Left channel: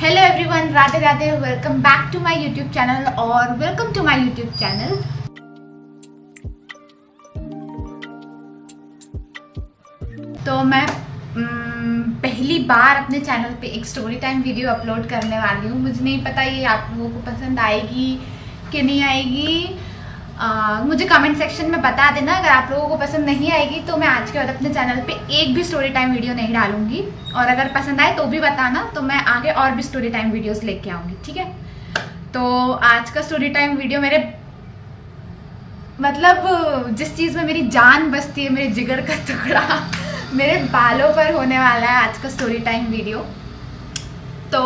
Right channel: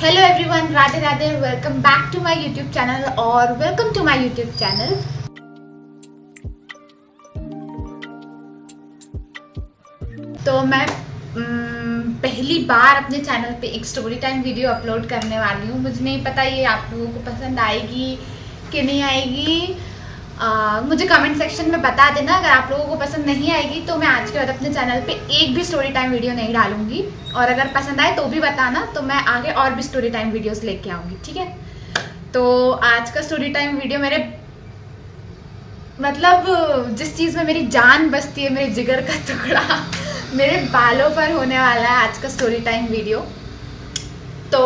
Hello everyone, Radhe Radhe. Welcome back to my YouTube channel और welcome to my YouTube channel. तो मैं पहली बार अपने चैनल पे एक स्टोरी टाइम वीडियो अपलोड करने वाली हूँ। मुझे नहीं पता ये आप लोगों को पसंद आएगी कि नहीं आएगी। मुझे कमेंट सेक्शन में बता देना। अगर आप लोगों को पसंद नहीं आएगी तो मैं आज के बाद अपने चैनल पे एक भी स्टोरी टाइम वीडियो नहीं डालूंगी, और अगर पसंद आए तो भी बताना, तो मैं आगे और भी स्टोरी टाइम वीडियोस लेके आऊंगी। ठीक है, तो आज का स्टोरी टाइम वीडियो मेरे मतलब जिस चीज़ में मेरी जान बसती है, मेरे जिगर का टुकड़ा, मेरे बालों पर होने वाला है आज का स्टोरी टाइम वीडियो। तो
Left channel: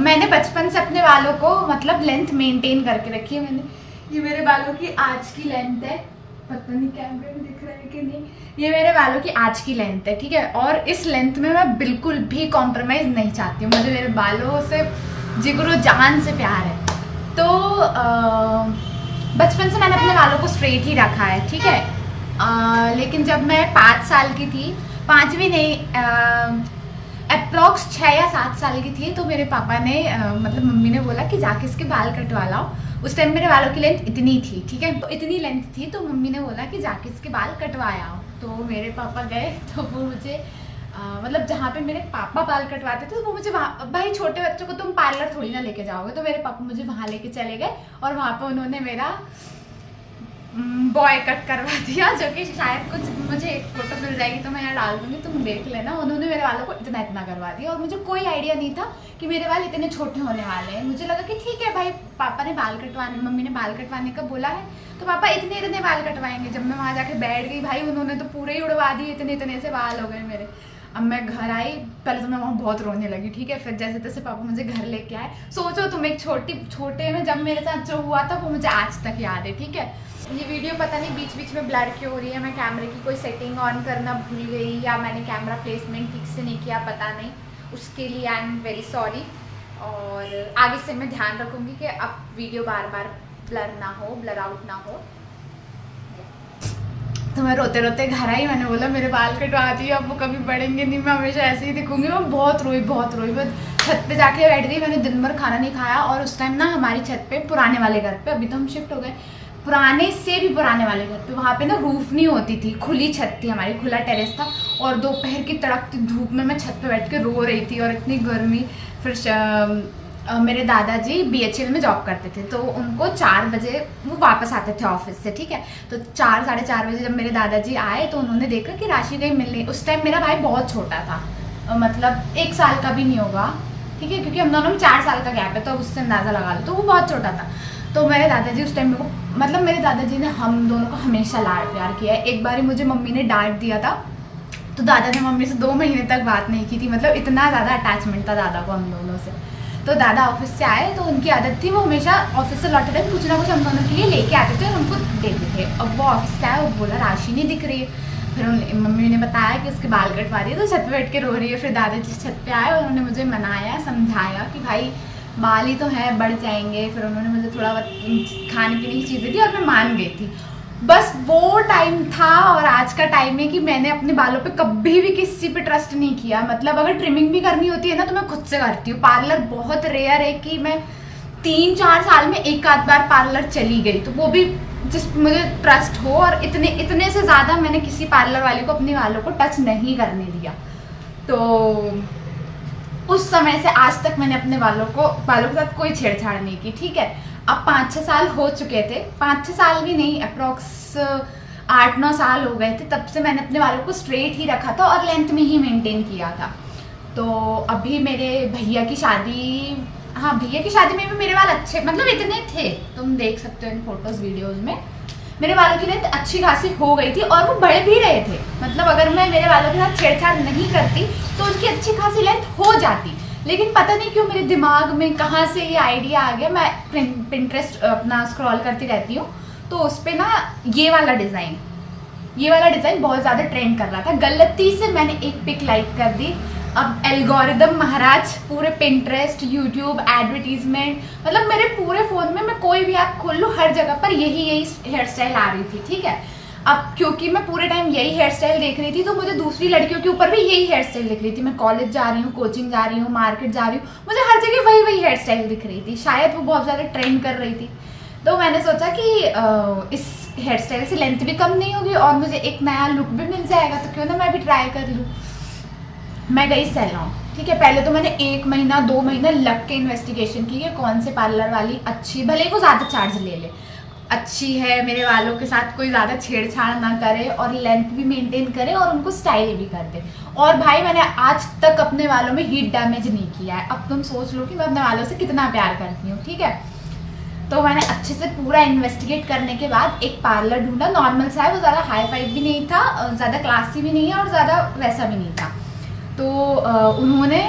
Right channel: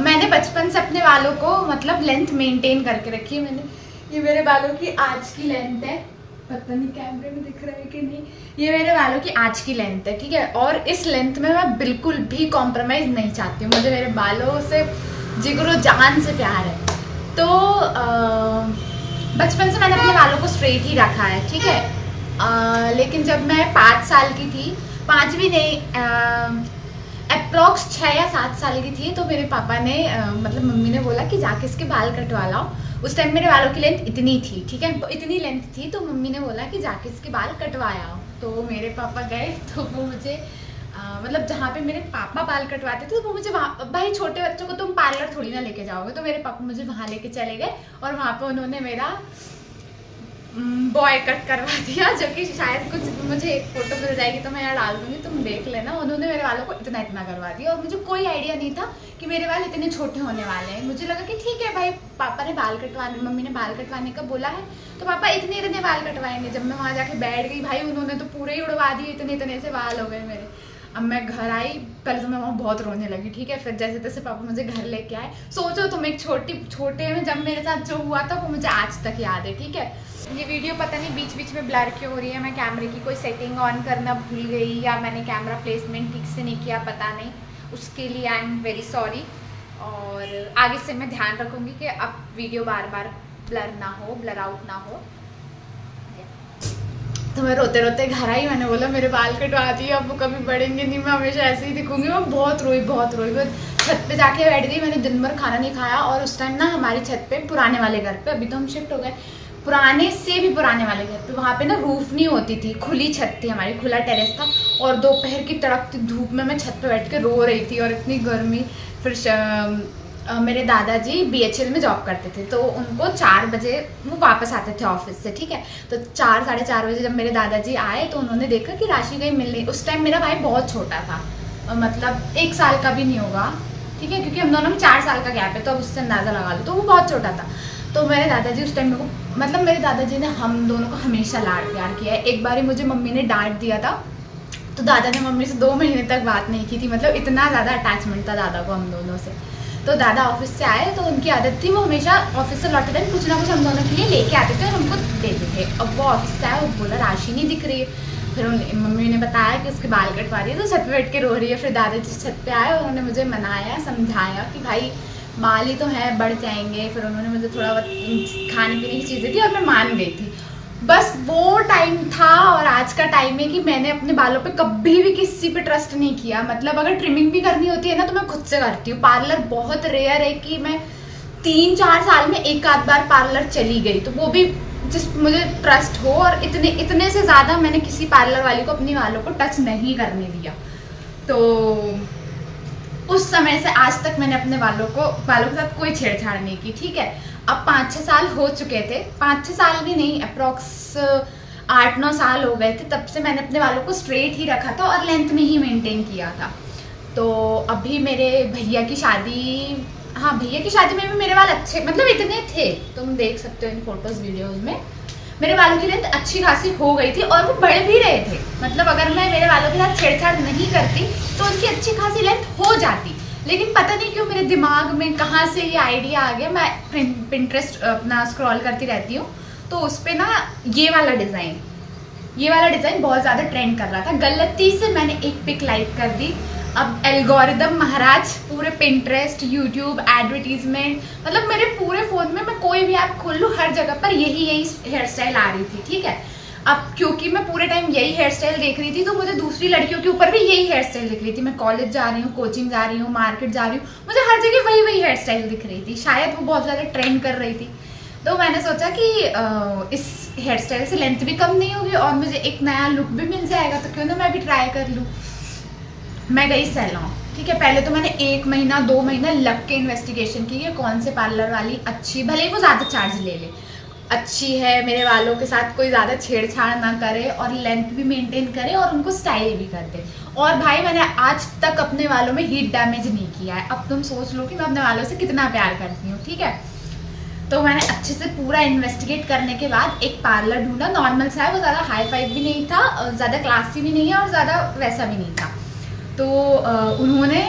मैंने बचपन से अपने बालों को मतलब लेंथ मेंटेन करके रखी है। मैंने ये मेरे बालों की आज की लेंथ है, पता नहीं कैमरे में दिख रहा है कि नहीं। ये मेरे बालों की आज की लेंथ है, ठीक है। और इस लेंथ में मैं बिल्कुल भी कॉम्प्रोमाइज नहीं चाहती हूँ। मुझे मेरे बालों से जिगरो जान से प्यार है। तो बचपन से मैंने अपने बालों को स्ट्रेट ही रखा है, ठीक है। लेकिन जब मैं 5 साल की थी, 5 भी नहीं, अप्रॉक्स 6 या 7 साल की थी, तो मेरे पापा ने मतलब मम्मी ने बोला कि जाके इसके बाल कटवा लाओ। उस टाइम मेरे बालों की लेंथ इतनी थी, ठीक है, तो इतनी लेंथ थी, तो मम्मी ने बोला कि जाके इसके बाल कटवाया आओ। तो मेरे पापा गए, तो वो मुझे मतलब जहाँ पे मेरे पापा बाल कटवाते थे, तो वो मुझे वहाँ, भाई छोटे बच्चों को तुम पार्लर थोड़ी ना लेके जाओगे, तो मेरे पापा मुझे वहाँ लेके चले गए और वहाँ पे उन्होंने मेरा बॉय कट करवा दिया, जो कि शायद कुछ मुझे एक फोटो मिल जाएगी तो मैं यहाँ डाल दूंगी, तुम देख लेना। उन्होंने मेरे बालों को इतना करवा दिया और मुझे कोई आइडिया नहीं था कि मेरे बाल इतने छोटे होने वाले हैं। मुझे लगा कि ठीक है भाई, पापा ने बाल कटवाने, मम्मी ने बाल कटवाने का बोला है तो पापा इतने बाल कटवाएंगे। जब मैं वहाँ जाके बैठ गई, भाई उन्होंने तो पूरे ही उड़वा दिए, इतने से बाल हो गए मेरे। अब मैं घर आई, पहले तो मैं वहाँ बहुत रोने लगी, ठीक है। फिर जैसे तैसे पापा मुझे घर लेके आए। सोचो तुम, एक छोटे में जब मेरे साथ जो हुआ था वो मुझे आज तक याद है, ठीक है। ये वीडियो पता नहीं बीच बीच में ब्लर क्यों हो रही है। मैं कैमरे की कोई सेटिंग ऑन करना भूल गई या मैंने कैमरा प्लेसमेंट ठीक से नहीं किया, पता नहीं। उसके लिए आई एम वेरी सॉरी, और आगे से मैं ध्यान रखूँगी कि अब वीडियो बार बार ब्लर ना हो, ब्लर आउट ना हो। तो मैं रोते रोते घर आई। मैंने बोला मेरे बाल कटवा दिए, अब वो कभी बढ़ेंगे नहीं, मैं हमेशा ऐसे ही दिखूंगी। मैं बहुत रोई। मैं छत पे जाके बैठ गई। मैंने दिन भर खाना नहीं खाया। और उस टाइम ना हमारी छत पे, पुराने वाले घर पे, अभी तो हम शिफ्ट हो गए, पुराने से भी पुराने वाले घर पे, वहाँ पे ना रूफ नहीं होती थी, खुली छत थी हमारी, खुला टेरेस था। और दोपहर की तड़कती धूप में मैं छत पे बैठ के रो रही थी, और इतनी गर्मी। फिर मेरे दादाजी BHL में जॉब करते थे, तो उनको 4 बजे वो वापस आते थे ऑफिस से, ठीक है। तो 4 साढ़े 4 बजे जब मेरे दादाजी आए तो उन्होंने देखा कि राशि कहीं मिल नहीं। उस टाइम मेरा भाई बहुत छोटा था, मतलब 1 साल का भी नहीं होगा, ठीक है, क्योंकि हम दोनों में 4 साल का गैप है, तो उससे अंदाज़ा लगा लो, तो वो बहुत छोटा था। तो मेरे दादाजी उस टाइम मेरे को, मतलब मेरे दादाजी ने हम दोनों को हमेशा लाड प्यार किया है। एक बार मुझे मम्मी ने डांट दिया था, तो दादा ने मम्मी से 2 महीने तक बात नहीं की थी। मतलब इतना ज़्यादा अटैचमेंट था दादा को हम दोनों से। तो दादा ऑफिस से आए तो उनकी आदत थी, वो हमेशा ऑफिस से लौटे टाइम कुछ ना कुछ हम दोनों के लिए लेके आते थे और हमको देते थे। अब वो ऑफिस से आए, वो बोला राशि नहीं दिख रही है। फिर मम्मी ने बताया कि उसके बाल कटवा दिए, तो छत पे बैठ के रो रही है। फिर दादाजी छत पे आए और उन्होंने मुझे मनाया, समझाया कि भाई बाल ही तो है, बढ़ जाएंगे। फिर उन्होंने मुझे थोड़ा बहुत खाने पीने की चीज़ें दी और मैं मान गई थी। बस वो टाइम था। और आज का टाइम है कि मैंने अपने बालों पे कभी भी किसी पे ट्रस्ट नहीं किया। मतलब अगर ट्रिमिंग भी करनी होती है ना, तो मैं खुद से करती हूँ। पार्लर बहुत रेयर है कि मैं 3-4 साल में एक आध बार पार्लर चली गई, तो वो भी जिस मुझे ट्रस्ट हो। और इतने से ज़्यादा मैंने किसी पार्लर वाली को अपने बालों को टच नहीं करने दिया। तो उस समय से आज तक मैंने अपने बालों के साथ कोई छेड़छाड़ नहीं की, ठीक है। अब 5-6 साल हो चुके थे, 5-6 साल भी नहीं, अप्रॉक्स 8-9 साल हो गए थे, तब से मैंने अपने बालों को स्ट्रेट ही रखा था और लेंथ में ही मेंटेन किया था। तो अभी मेरे भैया की शादी, हाँ भैया की शादी में भी मेरे बाल अच्छे, मतलब इतने थे, तुम देख सकते हो इन फोटोज वीडियोज में, मेरे बालों की लेंथ अच्छी खासी हो गई थी और वो बढ़ भी रहे थे। मतलब अगर मैं मेरे बालों के साथ छेड़छाड़ नहीं करती तो उनकी अच्छी खासी लेंथ हो जाती। लेकिन पता नहीं क्यों मेरे दिमाग में कहाँ से ये आइडिया आ गया। मैं पिंटरेस्ट अपना स्क्रॉल करती रहती हूँ, तो उस पर ना ये वाला डिज़ाइन बहुत ज़्यादा ट्रेंड कर रहा था। गलती से मैंने एक पिक लाइक कर दी। अब एल्गोरिदम महाराज पूरे पिंटरेस्ट, यूट्यूब, एडवर्टीजमेंट, मतलब मेरे पूरे फ़ोन में मैं कोई भी ऐप खोल लूँ, हर जगह पर यही हेयर स्टाइल आ रही थी, ठीक है। अब क्योंकि मैं पूरे टाइम यही हेयर स्टाइल देख रही थी तो मुझे दूसरी लड़कियों के ऊपर भी यही हेयर स्टाइल दिख रही थी। मैं कॉलेज जा रही हूँ, कोचिंग जा रही हूँ, मार्केट जा रही हूँ, मुझे हर जगह वही हेयर स्टाइल दिख रही थी। शायद वो बहुत ज़्यादा ट्रेंड कर रही थी। तो मैंने सोचा कि इस हेयर स्टाइल से लेंथ भी कम नहीं होगी और मुझे एक नया लुक भी मिल जाएगा, तो क्यों ना मैं भी ट्राई कर लूँ। मैं गई सैलून, ठीक है। पहले तो मैंने 1 महीना 2 महीना लग के इन्वेस्टिगेशन की है कौन से पार्लर वाली अच्छी, भले ही वो ज़्यादा चार्ज ले ले, अच्छी है, मेरे बालों के साथ कोई ज़्यादा छेड़छाड़ ना करे और लेंथ भी मेंटेन करे और उनको स्टाइल भी कर दे। और भाई मैंने आज तक अपने बालों में हीट डैमेज नहीं किया है। अब तुम सोच लो कि मैं अपने बालों से कितना प्यार करती हूँ, ठीक है। तो मैंने अच्छे से पूरा इन्वेस्टिगेट करने के बाद एक पार्लर ढूंढा, नॉर्मल सा है, वो ज़्यादा हाई फाई भी नहीं था, ज़्यादा क्लासी भी नहीं है और ज़्यादा वैसा भी नहीं था। तो उन्होंने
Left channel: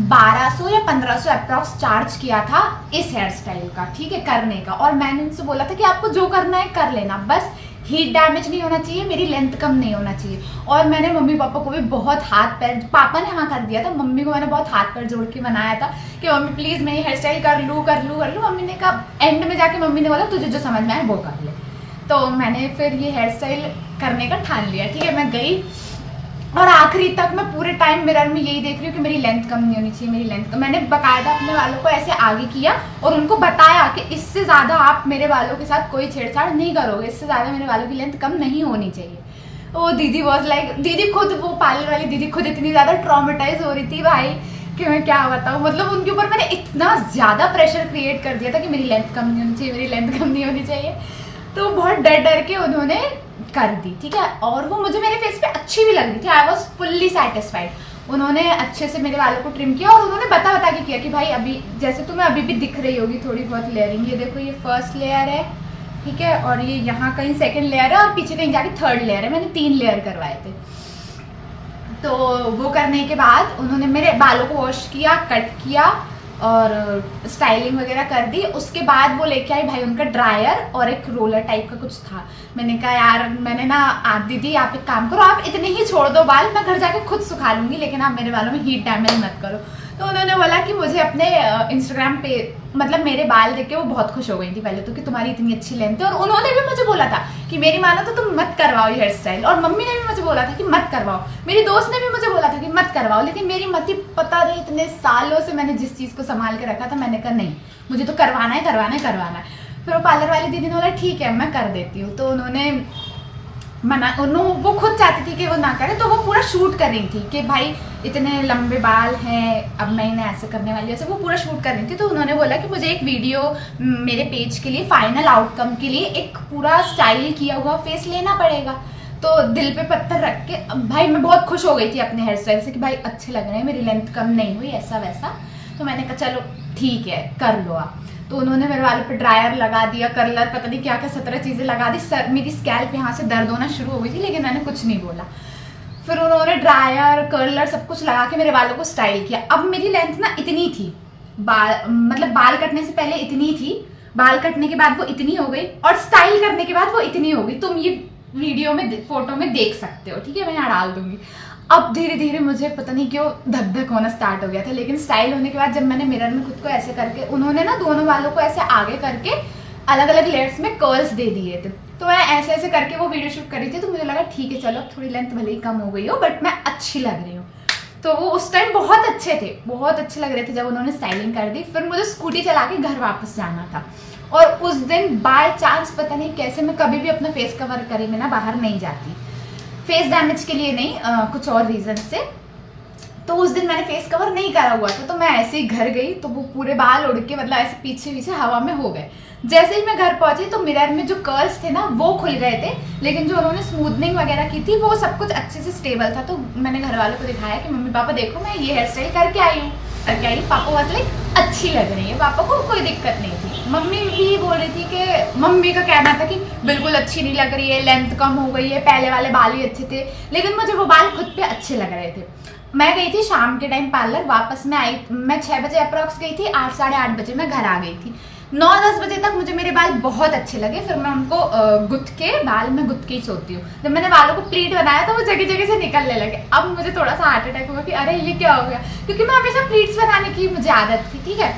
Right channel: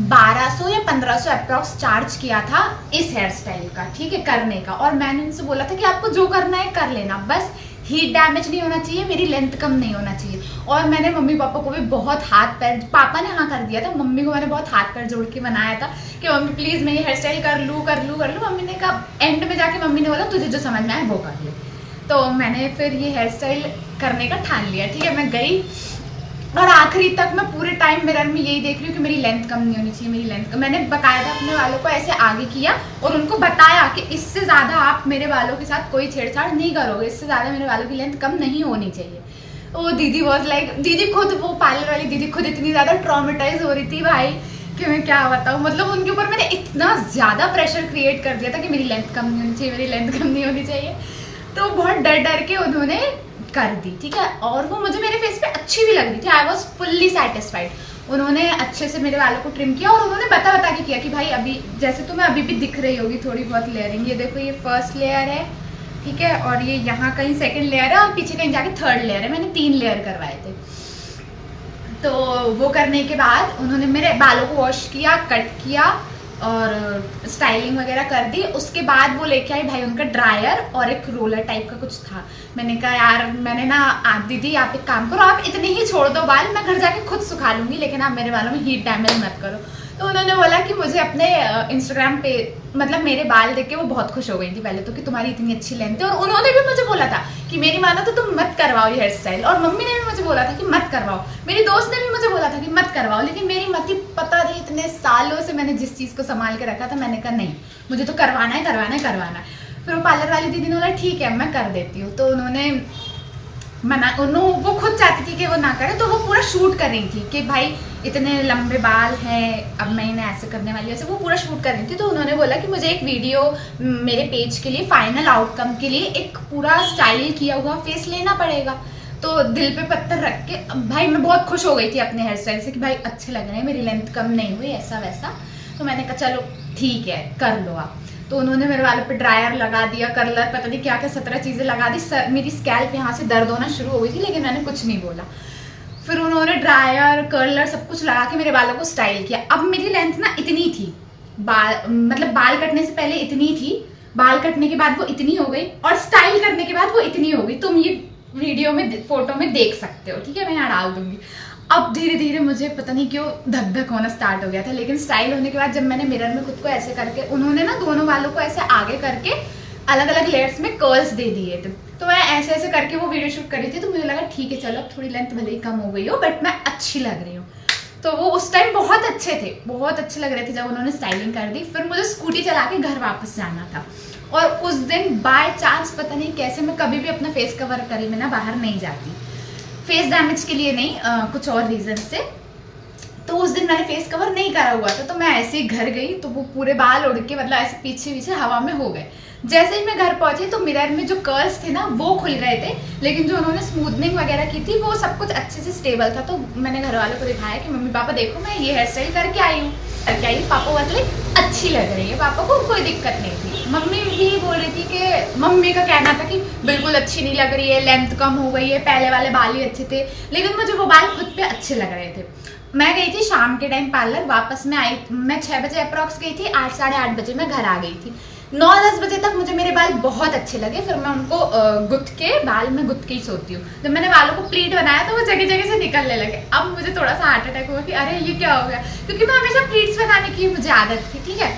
1200 या 1500 अप्रॉक्स चार्ज किया था इस हेयर स्टाइल का, ठीक है, करने का। और मैंने उनसे बोला था कि आपको जो करना है कर लेना, बस हीट डैमेज नहीं होना चाहिए, मेरी लेंथ कम नहीं होना चाहिए। और मैंने मम्मी पापा को भी बहुत हाथ पैर, पापा ने हाँ कर दिया था, मम्मी को मैंने बहुत हाथ पैर जोड़ के मनाया था कि मम्मी प्लीज मैं ये हेयर स्टाइल कर लूँ कर लूँ कर लूँ। मम्मी ने कहा, एंड में जाके मम्मी ने बोला तुझे जो समझ में आए वो कर ले। तो मैंने फिर ये हेयर स्टाइल करने का ठान लिया, ठीक है। मैं गई और आखिरी तक मैं पूरे टाइम मिरर में यही देख रही हूँ कि मेरी लेंथ कम नहीं होनी चाहिए, मेरी लेंथ कम। मैंने बकायदा अपने बालों को ऐसे आगे किया और उनको बताया कि इससे ज़्यादा आप मेरे बालों के साथ कोई छेड़छाड़ नहीं करोगे, इससे ज़्यादा मेरे बालों की लेंथ कम नहीं होनी चाहिए। तो दीदी वॉज लाइक, दीदी खुद, वो पार्लर वाली दीदी खुद इतनी ज़्यादा ट्रॉमेटाइज हो रही थी भाई कि मैं क्या बताऊँ। मतलब उनके ऊपर मैंने इतना ज़्यादा प्रेशर क्रिएट कर दिया था कि मेरी लेंथ कम नहीं होनी चाहिए, मेरी लेंथ कम नहीं होनी चाहिए। तो बहुत डर के उन्होंने कर दी, ठीक है। और वो मुझे मेरे फेस पे अच्छी भी लग रही थी, आई वॉज फुल्ली सेटिस्फाइड। उन्होंने अच्छे से मेरे बालों को ट्रिम किया और उन्होंने बता के किया कि भाई अभी जैसे तुम्हें अभी भी दिख रही होगी थोड़ी बहुत लेयरिंग, ये देखो ये फर्स्ट लेयर है, ठीक है, और ये यहाँ कहीं सेकंड लेयर है और पीछे कहीं जाके थर्ड लेयर है। मैंने 3 लेयर करवाए थे। तो वो करने के बाद उन्होंने मेरे बालों को वॉश किया, कट किया और स्टाइलिंग वगैरह कर दी। उसके बाद वो लेके आई भाई उनका ड्रायर और एक रोलर टाइप का कुछ था। मैंने कहा यार, मैंने ना, आप दीदी आप एक काम करो, आप इतने ही छोड़ दो बाल, मैं घर जाके खुद सुखा लूंगी, लेकिन आप मेरे बालों में हीट डैमेज मत करो। तो उन्होंने बोला कि मुझे अपने इंस्टाग्राम पे, मतलब मेरे बाल देख के वो बहुत खुश हो गई थी पहले तो कि तुम्हारी इतनी अच्छी लेंथ है। और उन्होंने भी मुझे बोला था कि मेरी मानो तो तुम मत करवाओ ये हेयर स्टाइल, और मम्मी ने भी मुझे बोला था कि मत करवाओ, मेरी दोस्त ने भी मुझे बोला था कि मत करवाओ। लेकिन मेरी मति, पता नहीं इतने सालों से मैंने जिस चीज़ को संभाल के रखा था, मैंने कहा नहीं, मुझे तो करवाना है करवाना है करवाना है। फिर वो पार्लर वाली दीदी ने बोला ठीक है मैं कर देती हूँ। तो उन्होंने वो खुद चाहती थी कि वो ना करे, तो वो पूरा शूट कर रही थी कि भाई इतने लंबे बाल हैं, अब मैं इन्हें ऐसे करने वाली हूँ, वो पूरा शूट कर रही थी। तो उन्होंने बोला कि मुझे एक वीडियो मेरे पेज के लिए, फाइनल आउटकम के लिए एक पूरा स्टाइल किया हुआ फेस लेना पड़ेगा। तो दिल पे पत्थर रख के भाई मैं बहुत खुश हो गई थी अपने हेयर स्टाइल से कि भाई अच्छे लग रहे हैं, मेरी लेंथ कम नहीं हुई, ऐसा वैसा। तो मैंने कहा चलो ठीक है कर लो आप। तो उन्होंने मेरे बालों पे ड्रायर लगा दिया, कर्लर, पता नहीं क्या क्या 17 चीज़ें लगा दी। सर मेरी स्कैल्प यहाँ से दर्द होना शुरू हो गई थी, लेकिन मैंने कुछ नहीं बोला। फिर उन्होंने ड्रायर, कर्लर सब कुछ लगा के मेरे बालों को स्टाइल किया। अब मेरी लेंथ ना इतनी थी, मतलब बाल कटने से पहले इतनी थी, बाल कटने के बाद वो इतनी हो गई और स्टाइल करने के बाद वो इतनी हो गई। तुम ये वीडियो में, फोटो में देख सकते हो, ठीक है, मैं यहाँ डाल दूंगी। अब धीरे धीरे मुझे पता नहीं क्यों धक धक होना स्टार्ट हो गया था। लेकिन स्टाइल होने के बाद जब मैंने मिरर में खुद को ऐसे करके, उन्होंने ना दोनों बालों को ऐसे आगे करके अलग अलग लेयर्स में कर्ल्स दे दिए थे। तो मैं ऐसे ऐसे करके वो वीडियो शूट कर रही थी। तो मुझे लगा ठीक है चलो, अब थोड़ी लेंथ भले ही कम हो गई हो बट मैं अच्छी लग रही हूँ। तो वो उस टाइम बहुत अच्छे थे, बहुत अच्छे लग रहे थे जब उन्होंने स्टाइलिंग कर दी। फिर मुझे स्कूटी चला के घर वापस जाना था और उस दिन बाय चांस पता नहीं कैसे, मैं कभी भी अपना फेस कवर करे बिना बाहर नहीं जाती, फेस डैमेज के लिए नहीं, कुछ और रीजन से। तो उस दिन मैंने फेस कवर नहीं करा हुआ था। तो मैं ऐसे ही घर गई तो वो पूरे बाल उड़ के, मतलब ऐसे पीछे पीछे हवा में हो गए। जैसे ही मैं घर पहुंची तो मिरर में जो कर्ल्स थे ना वो खुल गए थे, लेकिन जो उन्होंने स्मूथनिंग वगैरह की थी वो सब कुछ अच्छे से स्टेबल था। तो मैंने घर वालों को दिखाया कि मम्मी पापा देखो मैं ये हेयर स्टाइल करके आई हूँ, करके आई। पापा वाज लाइक अच्छी लग रही है, पापा को कोई दिक्कत नहीं थी। मम्मी भी बोल रही थी कि, मम्मी का कहना था कि बिल्कुल अच्छी नहीं लग रही है, लेंथ कम हो गई है, पहले वाले बाल ही अच्छे थे। लेकिन मुझे वो बाल खुद पे अच्छे लग रहे थे। मैं गई थी शाम के टाइम पार्लर, वापस में आई, मैं 6 बजे अप्रॉक्स गई थी, 8 साढ़े 8 बजे मैं घर आ गई थी। 9-10 बजे तक मुझे मेरे बाल बहुत अच्छे लगे। फिर मैं उनको गुथ के, बाल में गुथ के ही सोती हूँ। जब मैंने बालों को प्लीट बनाया तो वो जगह जगह से निकलने लगे। अब मुझे थोड़ा सा हार्ट अटैक हुआ कि अरे ये क्या हो गया, क्योंकि मैं हमेशा प्लीट्स बनाने की मुझे आदत थी, ठीक है।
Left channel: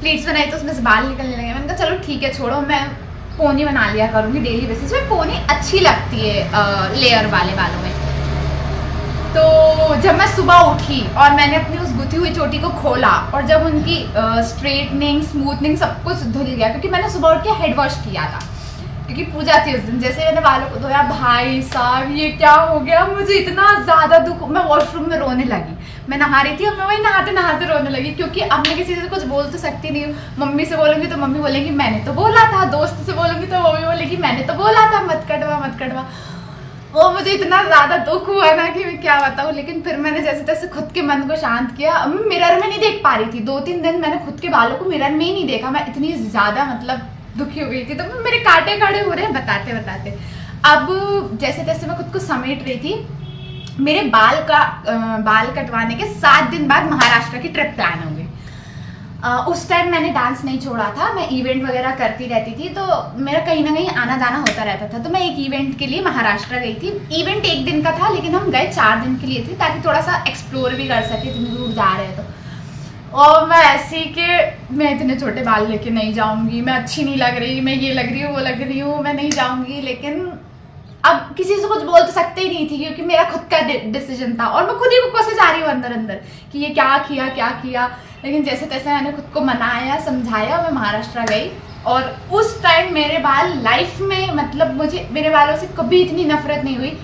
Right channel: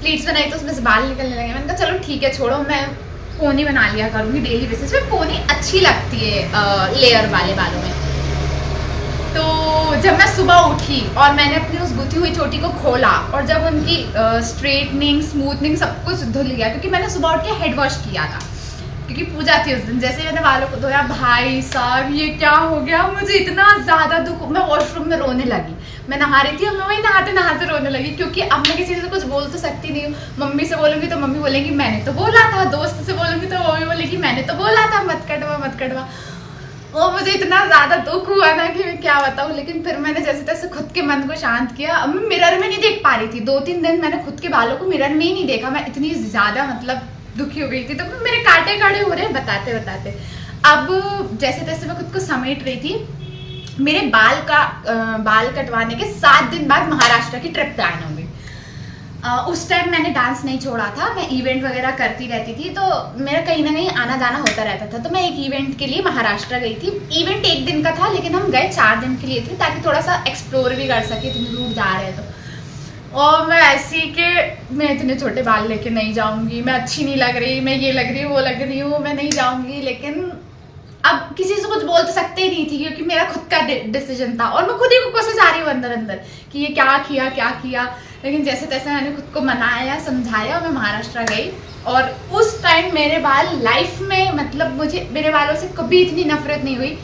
प्लीट्स बनाई तो उसमें से बाल निकलने लगे। मैंने कहा चलो ठीक है छोड़ो, मैं पोनी बना लिया करूंगी डेली बेसिस पे। पोनी अच्छी लगती है लेयर वाले बालों में। तो जब मैं सुबह उठी और मैंने अपनी उस गुथी हुई चोटी को खोला और जब उनकी स्ट्रेटनिंग स्मूथनिंग सब कुछ धुल गया, क्योंकि मैंने सुबह उठ के हेड वॉश किया था क्योंकि पूजा थी उस दिन। जैसे मैंने बालों को धोया, भाई साहब ये क्या हो गया, मुझे इतना ज्यादा दुख, मैं वॉशरूम में रोने लगी। मैं नहा रही थी और मैं वही नहाते नहाते रोने लगी, क्योंकि अब मैं किसी से कुछ बोल तो सकती नहीं हूँ। मम्मी से बोलूंगी तो मम्मी बोलेगी मैंने तो बोला था, दोस्त से बोलूंगी तो मम्मी बोलेगी मैंने तो बोला था मत कटवा मत कटवा। और मुझे इतना ज्यादा दुख हुआ ना कि मैं क्या बताऊँ। लेकिन फिर मैंने जैसे तैसे खुद के मन को शांत किया। मैं मिरर में नहीं देख पा रही थी, 2-3 दिन मैंने खुद के बालों को मिरर में ही नहीं देखा। मैं इतनी ज्यादा मतलब दुखी हो गई थी। तो मेरे काटे काटे हो रहे हैं बताते बताते। अब जैसे तैसे मैं खुद को समेट रही थी। मेरे बाल कटवाने के 7 दिन बाद महाराष्ट्र की ट्रिप प्लान हो गई। उस टाइम मैंने डांस नहीं छोड़ा था, मैं इवेंट वगैरह करती रहती थी, तो मेरा कहीं ना कहीं आना जाना होता रहता था। तो मैं एक इवेंट के लिए महाराष्ट्र गई थी। इवेंट 1 दिन का था लेकिन हम गए 4 दिन के लिए थे, ताकि थोड़ा सा एक्सप्लोर भी कर सके, इतनी दूर जा रहे हैं तो। और मैं ऐसी कि मैं इतने छोटे बाल लेके नहीं जाऊंगी, मैं अच्छी नहीं लग रही, मैं ये लग रही हूँ वो लग रही हूँ, मैं नहीं जाऊंगी। लेकिन अब किसी से कुछ बोल तो सकते ही नहीं थी, क्योंकि मेरा खुद का डिसीजन था और मैं खुद ही को कोशिश आ रही हूँ अंदर अंदर कि ये क्या किया। लेकिन जैसे तैसे मैंने खुद को मनाया समझाया, मैं महाराष्ट्र गई। और उस टाइम मेरे बाल लाइफ में मतलब मुझे मेरे बालों से कभी इतनी नफरत नहीं हुई।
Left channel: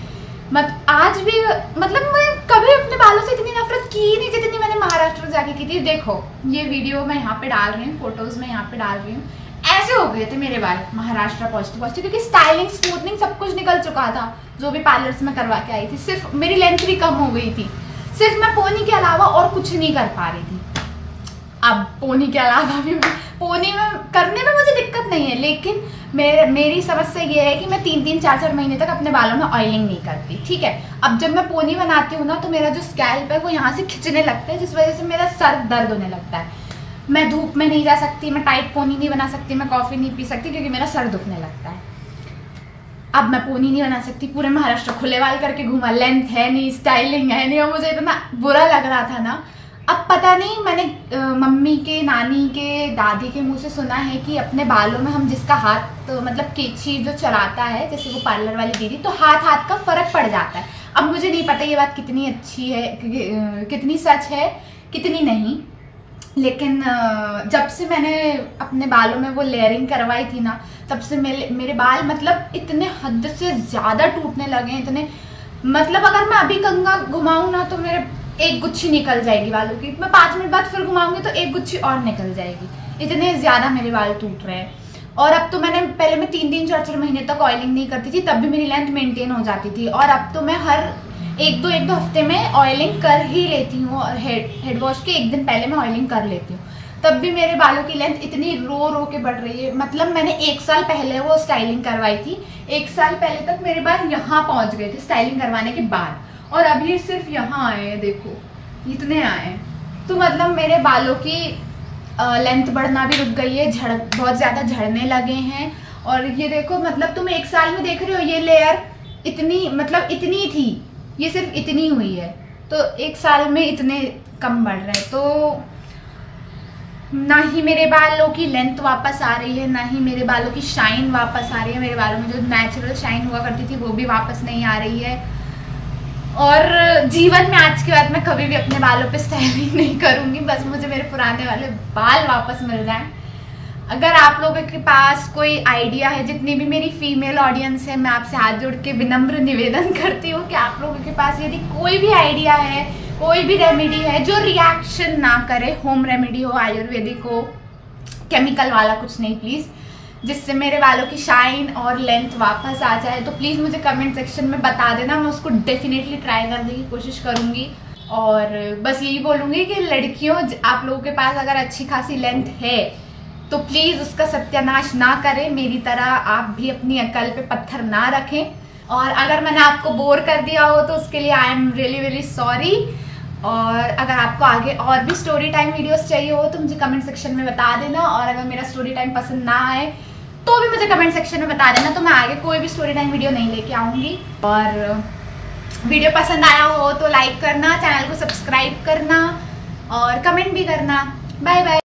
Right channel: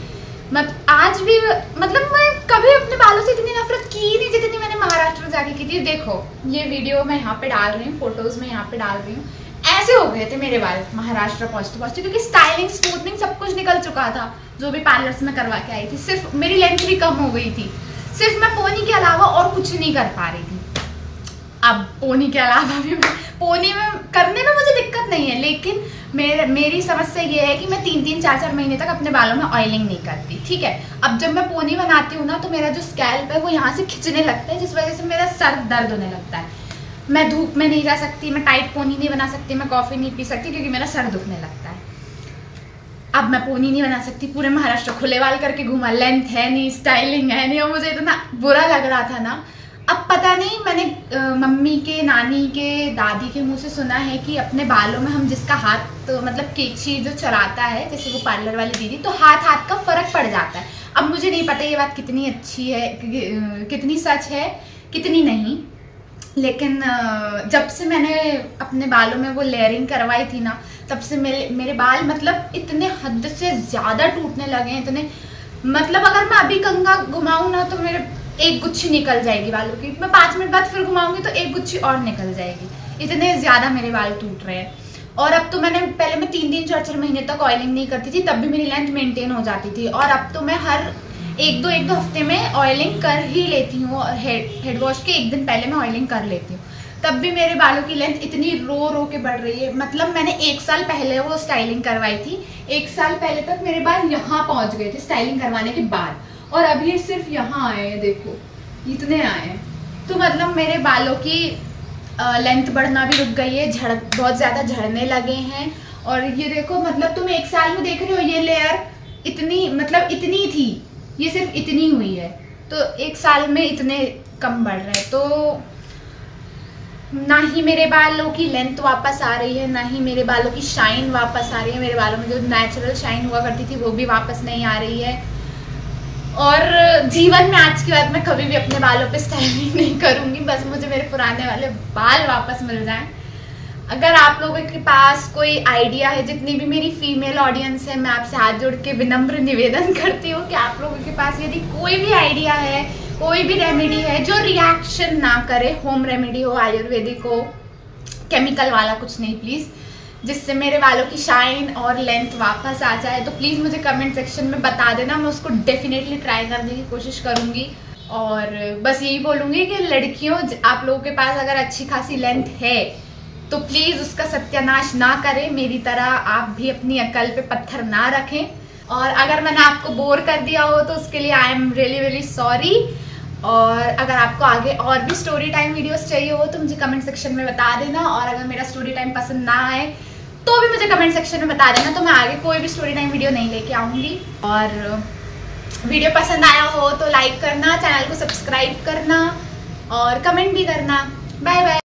आज भी मतलब मैं कभी अपने बालों से इतनी नफरत की नहीं जितनी मैंने महाराष्ट्र जाके की थी। देखो ये वीडियो मैं यहाँ पे डाल रही हूँ, फोटोज मैं यहाँ पे डाल रही हूँ। ऐसे हो गए थे मेरे बाल महाराष्ट्र पहुंचते, क्योंकि स्टाइलिंग स्मूथनिंग सब कुछ निकल चुका था जो भी पार्लर से मैं करवा के आई थी। सिर्फ मेरी लेंथ भी कम हो गई थी, सिर्फ मैं पोनी के अलावा और कुछ नहीं कर पा रही थी। अब पोनी के अलावा भी पोनी में करने में मुझे दिक्कत नहीं है, लेकिन मेरी समस्या ये है कि मैं 3-3, 4-4 महीने तक अपने बालों में ऑयलिंग नहीं करती। ठीक है, अब जब मैं पोनी बनाती हूँ ना तो मेरा जो स्कैल्प है वो यहाँ से खिंचने लगता है, जिस वजह से मेरा सर दर्द होने लगता है। मैं धूप में नहीं जा सकती, मैं टाइट पोनी नहीं बना सकती, मैं कॉफी नहीं पी सकती क्योंकि मेरा सर दुखने लगता है। अब मैं पोनी नहीं बना सकती, पूरे महाराष्ट्र खुले बाल करके घूमा, लेंथ है नहीं, स्टाइलिंग है नहीं, और मुझे इतना बुरा लग रहा था ना। अब पता नहीं, मैंने मम्मी के, नानी के, दादी के मुंह से सुना है कि अपने बालों में हम जिसका हाथ मतलब केची जो चलाता है, जैसे वो पार्लर वाली दीदी, तो हाथ का फर्क पड़ जाता है। अब मुझे नहीं पता ये बात कितनी अच्छी है, कितनी सच है, कितनी नहीं। लेकिन जब से मैंने अपने बालों में वो लेयरिंग करवाई थी ना, तब से मेरे बाल मतलब इतने हद से ज्यादा टूटने लगे, इतने मतलब अगर मैं अभी कंघा घुमाऊं ना तो मेरे एक गुच्छी निकल जाएगी बालों की। मैं 5 मिनट बाद फिर घुमाऊंगी तो एक गुच्छी और निकल जाएगी, इतने ज्यादा मेरे बाल टूट रहे हैं। और अब तो पहले मैं 3-3, 4-4 महीने तक ऑयलिंग नहीं करती थी, तब भी मेरी लेंथ मेंटेन हो जाती थी। और अब तो मैं हर 1-2 हफ्ते में ऑयलिंग कर ही लेती हूँ, और हेड वॉश के 1 दिन पहले मैं ऑयलिंग कर लेती हूँ। तब भी मेरे बालों की लेंथ इतनी रो के बढ़ रही है। मतलब मैंने 1 साल पहले वो स्टाइलिंग करवाई थी, 1 साल पहले तक मेरे बाल यहाँ पहुंच गए थे स्टाइलिंग करवाने के बाद, और अब ये सिर्फ यहाँ आए हैं, देखो इतने आए। तो मतलब मेरे बालों की लेंथ बढ़ना भी रुक गई है, बहुत ज्यादा झड़ने लगे हैं। और ये देखो, मतलब तुम 1 साल में देख रहे हो ये लेयर इतनी थी, ये सिर्फ इतनी हुई है, तो 1 साल में इतने कम बढ़ रहे हैं। तो ना ही मेरे बालों की लेंथ वापस आ रही है, ना ही मेरे बालों की शाइन वापस आ रही है। मेरे बालों में जो नेचुरल शाइन हुआ करती थी वो भी वापस नहीं आ रही है। और जीवन में आज के बाद मैं कभी भी अपने बालों पे स्टाइलिंग नहीं करूंगी, बस मुझे मेरे पुराने वाले बाल वापस मिल जाएं। अगर आप लोगों के पास कोई आइडिया है, जितनी भी मेरी फीमेल ऑडियंस है, मैं आपसे हाथ जोड़ के विनम्र निवेदन करती हूँ कि आप लोगों के पास यदि कोई भी आइडिया है, कोई भी रेमेडी है जो रिएक्शन ना करे, होम रेमेडी हो, आयुर्वेदिक हो, केमिकल वाला कुछ नहीं प्लीज, जिससे मेरे बालों की शाइन और लेंथ वापस आ जाए, तो प्लीज मुझे कमेंट सेक्शन में बता देना। मैं उसको डेफिनेटली ट्राई करने की कोशिश करूंगी। और बस यही बोलूंगी कि लड़कियों, आप लोगों के पास अगर अच्छी खासी लेंथ है तो प्लीज उसका सत्यानाश ना करें, मेरी तरह आप भी अपनी अकल पे पत्थर ना रखें। और अगर मैंने आपको बोर कर दिया हो तो उसके लिए आई एम रियली सॉरी। और अगर आपको आगे और भी स्टोरी टाइम वीडियोस चाहिए हो तो मुझे कमेंट सेक्शन में बता देना। और अगर मेरा स्टोरी टाइम पसंद ना आए तो भी मुझे कमेंट सेक्शन में बता देना, तो मैं आगे कोई भी स्टोरी टाइम वीडियो नहीं लेके आऊंगी। और वीडियो पसंद आया हो तो लाइक करना, चैनल को सब्सक्राइब करना और कमेंट भी करना। Bye bye.